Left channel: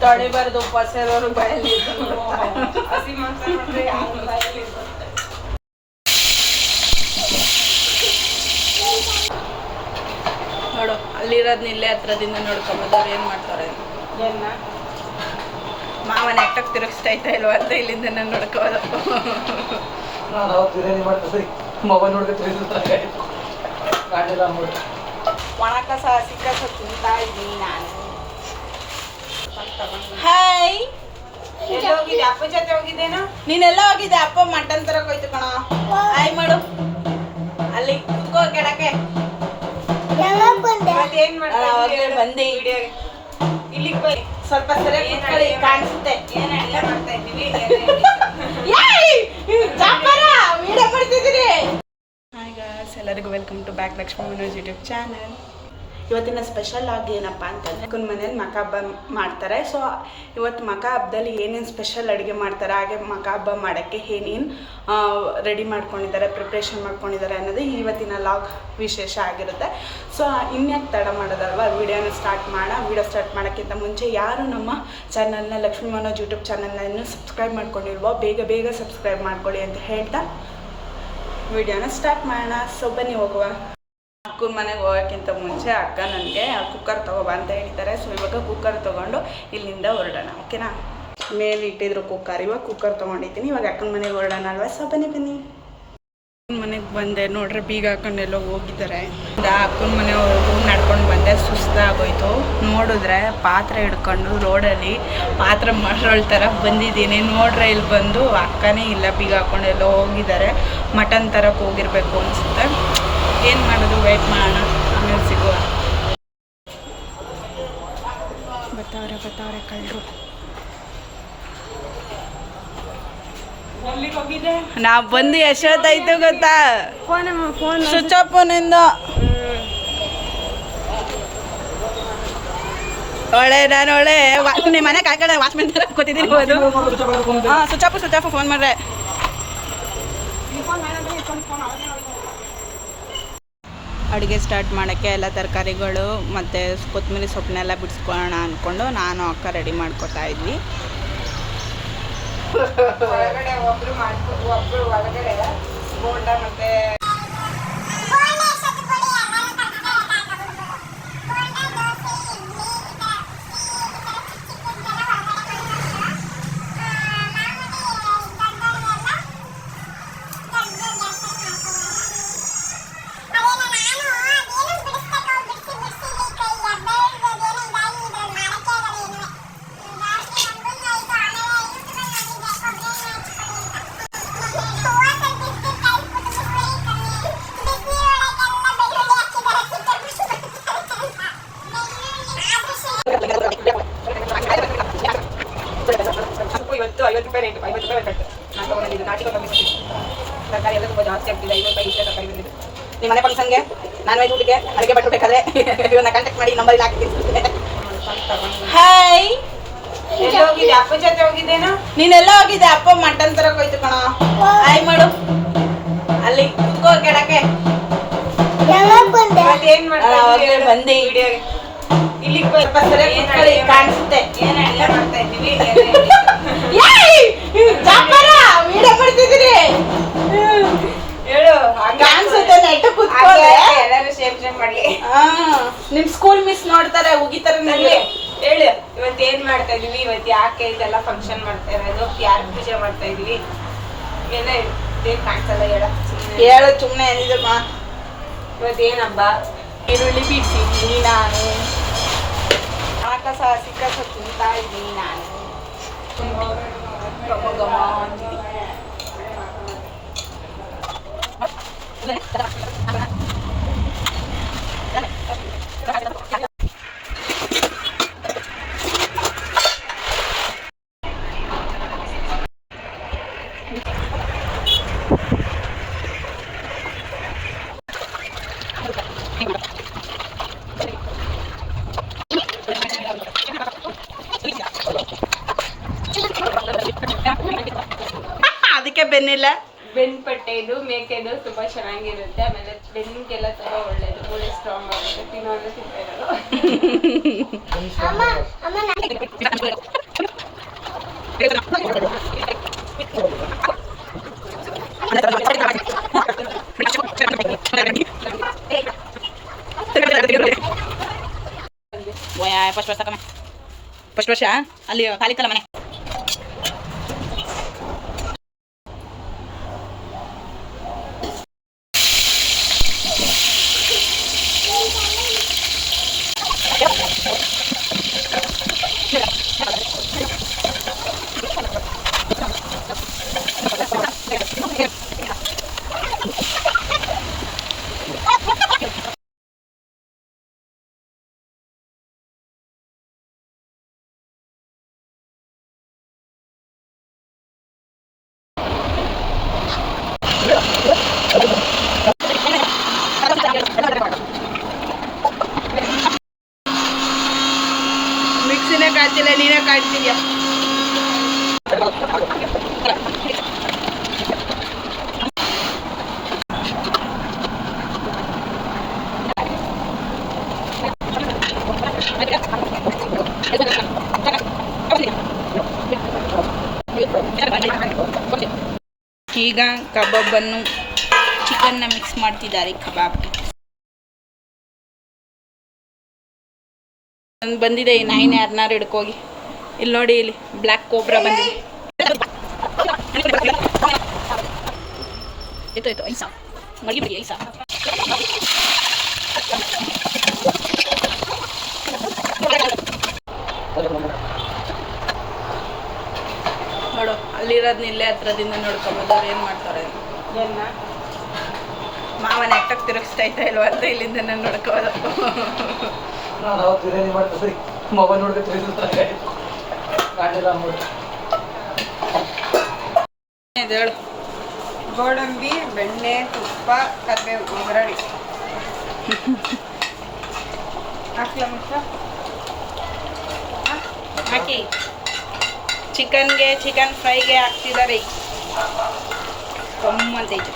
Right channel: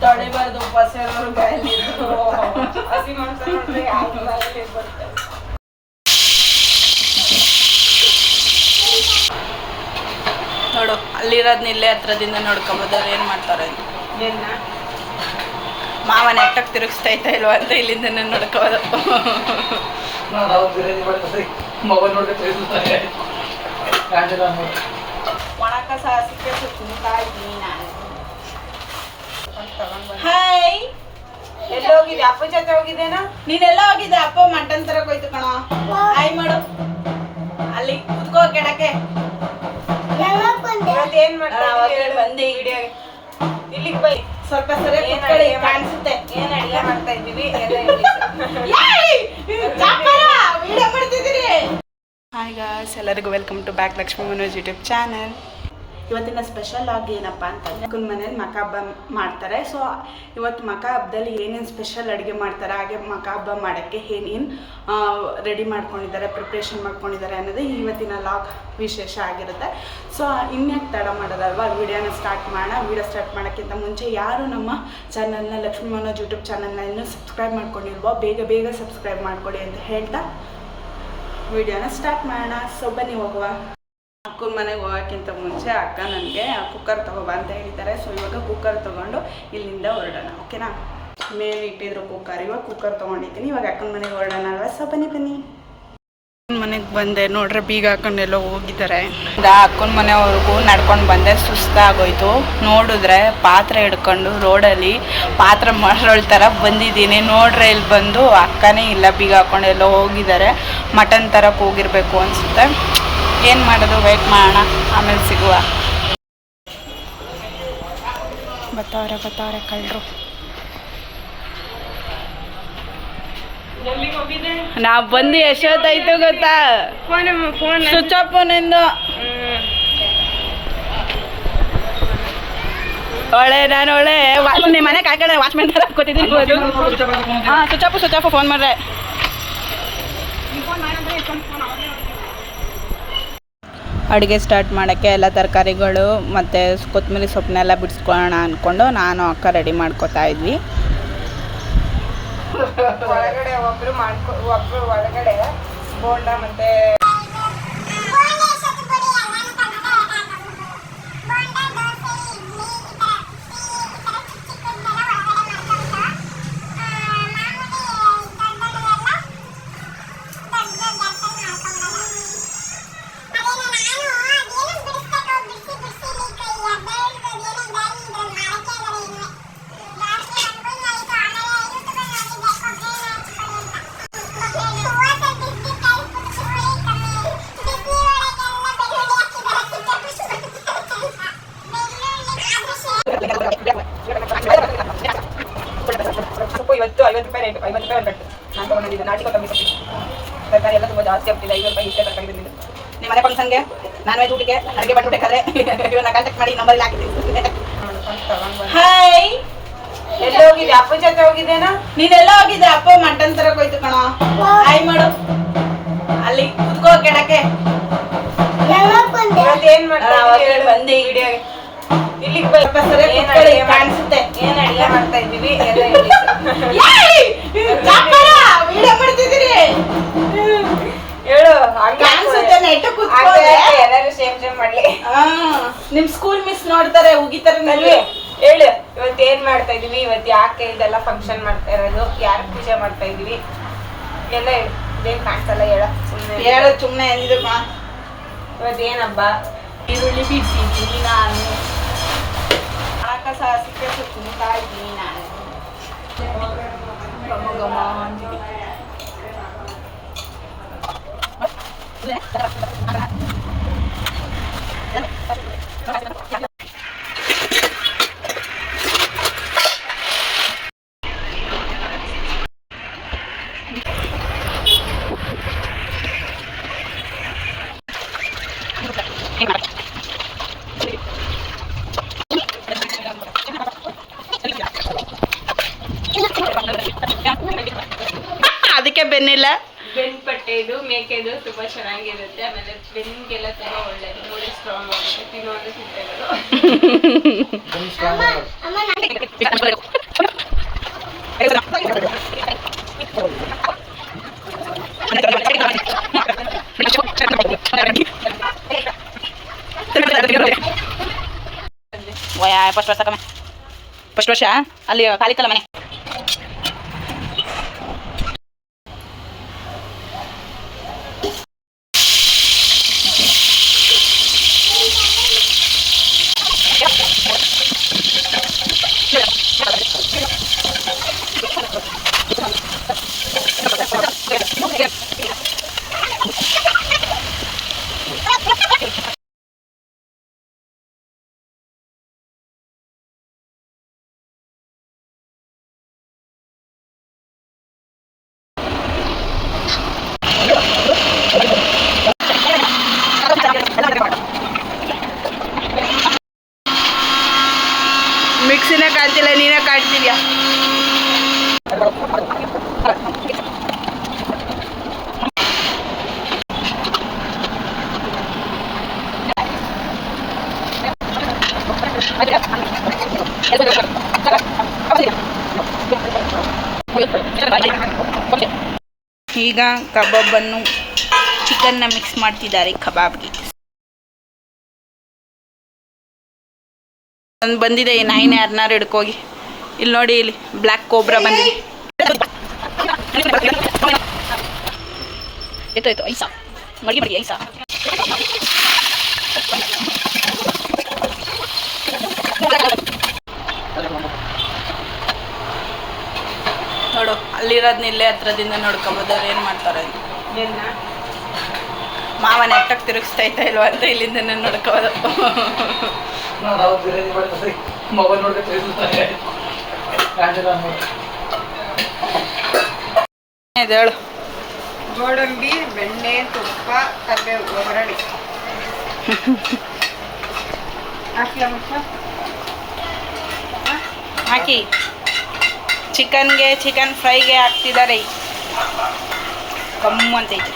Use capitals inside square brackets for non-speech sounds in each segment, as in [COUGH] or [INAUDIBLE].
ತಡಿಬಾರ್ದು ಉಪವಾಸ ಇರೋರು ಬಾಯಲ್ಲಿ ಹಸಿ ಮಾಂಸ ನೋಡು ಅಲ್ಲಿರೋದ್ನ ಇಲ್ಲೇ ಹತ್ರದಿಂದ ನೋಡ್ಕೊಬೋದು ಏನ್ ಮಾಡ್ತಾರೆ ಅಂತ. ಏನ್ನ ಮಾವ ನೆಟ್ಟಕ್ಕೆ ತಿರುಗಿಸ್ತಾ ಇತ್ತ ಇಲ್ವ ಅಂತ ಇಲ್ಲಿಂದ ನೋಡ್ಕೋಬೋದು ಮೊಬೈಲ್ ಕಾಣಿಲ್ಲ ಒಣ ಕಸ ಹಸಿ ಕಸ ತಿಂತಾ ಇದ್ದೀನಿ ನಾನು ಹಾಯ್ ಎಲ್ಲ ಹೋಗಿದ್ದೆ? ಅಪ್ಪ ಜೊತೆ ಹೋಗಿದ್ದೇನಾ? ನೀನೆಲ್ಲ ಹೋಗಿದ್ದೆ. ಅಪ್ಪ ಮಟನ್ ತರಕ್ ಹೋಯ್ತು ಕಣ. ಹಾಯ್ ಮಾಡು. ಅಲ್ಲಿ ಕುತ್ಕೋ ಕೆಳಕ್ಕೆ. ಏನ್ ಮಾಡ್ತಾ ಆ, ಇದ್ದೀರಿ? ಅವಾಗ್ಲೇ ಬಂದೆ. ವಿಡಿಯೋಗೆ ಇಲ್ಲಿಗೆ ಬೈ. ಸ್ವಲ್ಪ ಸರಿ ಕುತ್ಕೊಳ್ಳಿ ಕಾಣಿಸುತ್ತೆ. ಏನ್ ಅಡಿಗೆ ಮಾಡ್ತಾ ಇದ್ದೀವಿ. [LAUGHS] ವಿಡಿಯೋ [LAUGHS] ಮಾಡ್ತಿದ್ದೀರಿ ಹಾಯ್ ಗಾಯ್ಸ್ ಎಲ್ಲರಿಗೂ welcome to back Lakshmi Manoj YouTube channel ಇವತ್ತಿನ ಸ್ಪೆಷಲ್ ಆಗಿ ಏನಪ್ಪ ಅಂತಂದರೆ ಕುನ್ ಮನೇಲಿ ಮಕ ಹಬ್ಬ ಮಾಡ್ತಾರೆ. ಸೊ ಇವತ್ತು ಮಕ ಹಬ್ಬದಲ್ಲಿ ಏನೇನು ಸ್ಪೆಷಲ್ ಅಡುಗೆ ಮಾಡ್ತಾರೆ, ಹಾಗೆ ಮಕ ಹಬ್ಬ ಮಾಡೋಕ್ಕೆ ಏನೇನು ರೆಡಿ ಮಾಡ್ಕೊಂಡಿದ್ದಾರೆ ಪ್ರಿಪ್ರೇಷನ್ ಮಾಡ್ಕೊಂಡಿದ್ದಾರೆ ಅನ್ನೋದು ಇವತ್ತಿನ ಲಾಗ್ ವಿಶೇಷ ಆಗಿರುತ್ತೆ. ಸೊ ಇನ್ಯಾಕೆ ತಡ ಮಾಡೋದಲ್ವಾ? ವಿಡಿಯೋನ ಸ್ಟಾರ್ಟ್ ಮಾಡೋಣ. ವಿಡಿಯೋ ಸ್ಟಾರ್ಟ್ ಮಾಡೋಕ್ಕಿಂತ ಮುಂಚೆ ಯಾರು ನಮ್ಮ ಚಾನಲ್ನ ಲಕ್ಷ್ಮೀ ಮನೋಜ್ ಯೂಟ್ಯೂಬ್ ಚಾನಲ್ನ ಇನ್ನೂ ಸಬ್ಸ್ಕ್ರೈಬ್ ಮಾಡ್ಕೊಂಡಿಲ್ವೋ, ಬೇಗ ಬೇಗ ಸಬ್ಸ್ಕ್ರೈಬ್ ಮಾಡ್ಕೊಳ್ಳಿ ಅಂತ ಹೇಳ್ತಾ ವಿಡಿಯೋನ ಸ್ಟಾರ್ಟ್ ಮಾಡೋಣ. ಸೊ ಬನ್ನಿ ಹೋಗುವ. ಅಕ್ಕನ ಮನೆಗೆ ಹೋಗೋಕ್ಕಿಂತ ಮುಂಚೆ ಅಕ್ಕ ನನಗೆ ಕುಕ್ಕರ್ ತೊಗೋಬ ಅಂತ ಹೇಳ್ತಾರೆ. ಸೊ ಇವಾಗ ಕುಕ್ಕರ್ ತೊಗೊಂಡು ಇಲ್ಲಿಂದ ಹೊರಡೋಣ ಓಕೆನಾ ಮೇಲೆ ಇಟ್ಟಿದ್ರು ಕುಕ್ಕರ್ ಇವಾಗ ಕುಕ್ಕರ್ ತೊಗೊಂಡಿದ್ದೀನಿ. ಇವಾಗ ಅಕ್ಕನ ಮನೆಗೆ ಹೊರಡೋಣ ಅಲ್ವಾ? ಸೊ ಬನ್ನಿ ಬನ್ನಿ. ಮನೆಗೆ ಬಂದೆ. ನೋಡ್ರೆ ಬೀಗ ಹಾಕೊಂಡೆಲ್ಲೋ ಹೋಗಿದ್ದಾರೆ. ಅಕ್ಕನ ಮನೆವರೆಗೂ ನಡ್ಕೊಂಡು ಬಂದೆ. ಸುಸ್ತಾಗೋಯ್ತು ನೋಡಿದ್ರೆ ಪಾತ್ರೆ ಹಿಡ್ಕೊಂಡು ರೋಡಲ್ಲಿ ಪಾತ್ರೆ ಮರಳ್ ಥರ ಬಂದಿದ್ದೀನಿ. ನೋಡ್ರೆ ಇಲ್ಲಿ ಬಂದು ಅಕ್ಕನೇ ಇಲ್ಲ. ಬೀಗ ಹಾಕೊಂಡು ಎಲ್ಲೋ ಹೋಗಿದ್ದಾರೆ. ಮಟನ್ ತರಕ್ಕೆ ಹೋಗಿರ್ಬೇಕು ಅನಿಸುತ್ತೆ. ಏನು ಮಾಡೋದು? ವೆಯ್ಟ್ ಮಾಡೋಣ. ಆಮೇಲೆ ಸಿಗುವ. ಬತ್ತವ್ರೆ ಬತ್ತವ್ರೆ ಕಳ್ಳರು ನಾವು ಬಂದು ಎಷ್ಟೊತ್ತಾಯ್ತು ಗೊತ್ತಾ? Phone phone. ಸ್ವಿಚ್ ಆಫ್ ಫೋನಿಂದ ಒಳ್ಳೆ ನಾನು ಒಳ್ಳೆ. ನಿಮ್ಮ ಮನೆ ಕಾಕಡೆ ವಾಚ್ಮೆನ್ ತರ ಕೂತಿದ್ದೀನಿ ಹೋದು ಹಾಂ switch off switch off phone ಮಾಡ್ರೆ. ಅಡುಗೆ ಸ್ಟಾರ್ಟ್ ಮಾಡೋಕ್ಕೆ ಎಲ್ಲ ತರಕಾರಿಗಳು ಮತ್ತು ಕೊತ್ತಂಬರಿ ಸೊಪ್ಪನ್ನೆಲ್ಲ ಬಿಡಿಸ್ಕೊಳ್ಳೋಣ ಅಂದ್ಕೊಂಡು ನಾನು ಅಕ್ಕ ರೆಡಿ ಮಾಡ್ಕೊತಾ ಇದ್ವಿ. ಒಳಗಡೆ ಒಬ್ರು ಮಾಡ್ಕೊ ಒಬ್ರು ಒಳಗಡೆ ಬೋಂಡ ಮತ್ತೆ ಐವತ್ತು ರೂಪಾಯಿ ರೇಟ್ ಐವತ್ತು ರೂಪಾಯಿ ಒಂದು ಕಟ್ಟು ನಾನು ತೊಗೊಂಡಿದ್ದು ನಾಟಿ ಸೊಪ್ಪು ತರಕಾರಿ ಎಲ್ಲ ತುಂಬ ಜಾಸ್ತಿ ಆಗ್ತಿದೆ ಐವತ್ತು ರೂಪಾಯಿ ಇಷ್ಟೇ ತರಕಾರಿ ಬಂದಿದ್ದು. ನಿಮ್ಮ ಮನೆ ಫಂಕ್ಷನ್ಗೆ ನಾನ್ ವೆಜ್ ಊಟಕ್ಕೆ ಅಡುಗೆ ಮಾಡ್ಬೇಕಾದ್ರೆ [LAUGHS] ಇವನ್ನ ಕಾಂಟ್ಯಾಕ್ಟ್ ಮಾಡಿ ನಂಬರ್ ಹಾಕ್ತೀನಿ ಹಾಯ್ ಎಲ್ಲ ಹೋಗಿದ್ದೆ? ಅಪ್ಪ ಜೊತೆ ಹೋಗಿದ್ದೇನಾ? ನೀನೆಲ್ಲ ಹೋಗಿದ್ದೆ? ಅಪ್ಪ ಮಟನ್ ತರಕ್ ಹೋಯ್ತು ಕಣ. ಹಾಯ್ ಮಾಡು. ಅಲ್ಲಿ ಕುತ್ಕೋ ಕೆಳಕ್ಕೆ. ಏನ್ ಮಾಡ್ತಾ ಆ, ಅವಾಗ್ಲೇ ಇದ್ದೀರಿ ಬಂದೆ. ವಿಡಿಯೋಗೆ ಇಲ್ಲಿಗೆ ಏನ್ ಕುತ್ಕೊಳ್ಳಿ, ಕಾಣಿಸುತ್ತೆ. ಏನ್ ಅಡಿಗೆ ಮಾಡ್ತಾ ಇದ್ದೀವಿ ಹೇಳಿ. ವಿಡಿಯೋ ಮಾಡ್ತಿದ್ದೀರಿ ಹೇಳು ಕಾಣಿಸುತ್ತೆ ನೆಟ್ಟ ಹಾಗೆ ಎಲ್ಲರೂ ಸೇಮ್ ಸೇಮ್ ಮಾಡ್ಲಿ. ಆ, ನಿಮ್ ಸ್ಕೂಲ್ ಮಿಸ್ ನೋಡ್ತಾರೆ ಉಗಿತಾರೆ ನಲ್ಲಿ ಹೇಳು. ಇವತ್ತು ಏನ್ ಮಾಡ್ತಾ ಇದೀವಿ? ಇವತ್ತು ಯಾಕೆ ಇದೆಲ್ಲ ಫಂಕ್ಷನ್ ಮಾಡ್ತಾ ಇರೋದು? ಯಾರು ಪೂಜೆ ಮಾಡ್ತಾ ಇದೀವಿ? ಎಲ್ಲ ಹೇಳು. ಇದೇನ್ ಕಾಣಿಸಲ್ಲ ಹೇಳ. ಸುಮ್ಮನೆ ಹೇಳು ಸುಮ್ಮನೆ ಕಣ ಇವತ್ತು ಏನಬ್ಬ? ಈರುಳ್ಳಿ ಬಿಡಿಸಿದ್ದೀನಿ ನಾನು. ಒಣ ಸಿಕ್ಕ ತಿಂತಾ ಇದ್ದೀನಿ ನಾನು. Kamagamahan. Kamagamahan. [LAUGHS] ಅದಕ್ಕೆ ಬೆನ್ನಿಲ್ಲ. ಬೆನ್ ಪಟ್ಟೆ ಇದು ಮೇಕೆದು ತುಂಬಾ ಚೆನ್ನಾಗಿರುತ್ತೆ. ಆಮೇಲೆ ಬೆನ್ಗೆಲ್ಲ ತುಂಬಾ ಒಳ್ಳೇದು. ಮೂಳೆ ಸ್ಟ್ರಾಂಗ್ ಆಗುತ್ತೆ. ತಿನ್ನೋದು ಫಸ್ಟ್ ವರ್ಷ ಕಮ್ಮಿ. ಫಸ್ಟ್ ವರ್ಷ? ಅಲ್ಲಿ ಖಾಲಿತ್ತಲ್ಲ ಮನೆ. मिक्सी ने काट दिया नीने ಈಗ ಕಬಾಬನ್ನು ಚಿಕನ್ನ ಮಿಕ್ಸ್ ಮಾಡ್ತಿದ್ದಾರೆ ಕಬಾಬ್ಗೆ. ಒಂದು ಬಂದಿದೆ ಈ ಯಾರ್ನಾರು ಹಿಡ್ಕೋಗಿ. ಇಲ್ಲಿ ನೋಡಿ ಇಲ್ಲಿ ಬ್ಲ್ಯಾಕ್ ಕೋಬ್ರಾ ಬಂದಿದೆ. ಐಸಾ ಮಡಿ ಮಡಿ ಐಸಾ ನೋಡು ಅಲ್ಲಿರೋದ್ನ ಇಲ್ಲೇ ಹತ್ರದಿಂದ ನೋಡ್ಕೊಬೋದು ಅವ್ರು ಏನು ಮಾಡ್ತಾರೆ? ಮಾವನ ಮಾವ ನೆಟ್ಟಕ್ಕೆ ತಿರುಗಿಸ್ತೈತಾ ಇಲ್ವಾ ಅಂತ ಇಲ್ಲಿಂದ ನೋಡ್ಕೋದು. ಹೇಳು? ಗೋಡಂಬಿ ಬೆಣ್ಣೆ ತುಪ್ಪ ಕರಿಬೇವು ಒಗ್ಗರಣೆ? ಹಾಕಿ. ಚಿಕನ್ಗೆ ಚಿಕನ್ ಫ್ರೈಗೆ ಹಾಕ್ತಿದ್ದಾರೆ ಕಮ್ಮು ಅಂತೈತೆ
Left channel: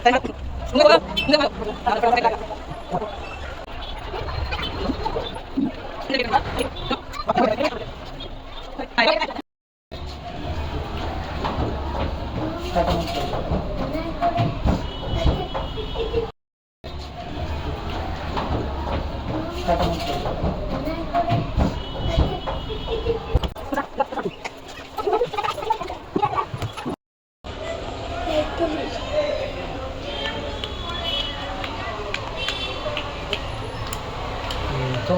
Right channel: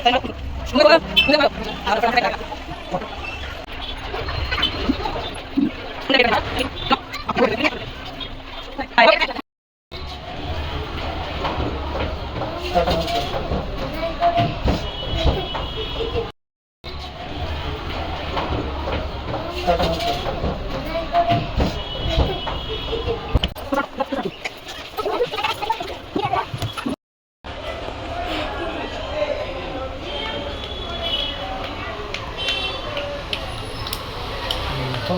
[LAUGHS] 哎，我我我，啊，那个那个，哎。ಸೊ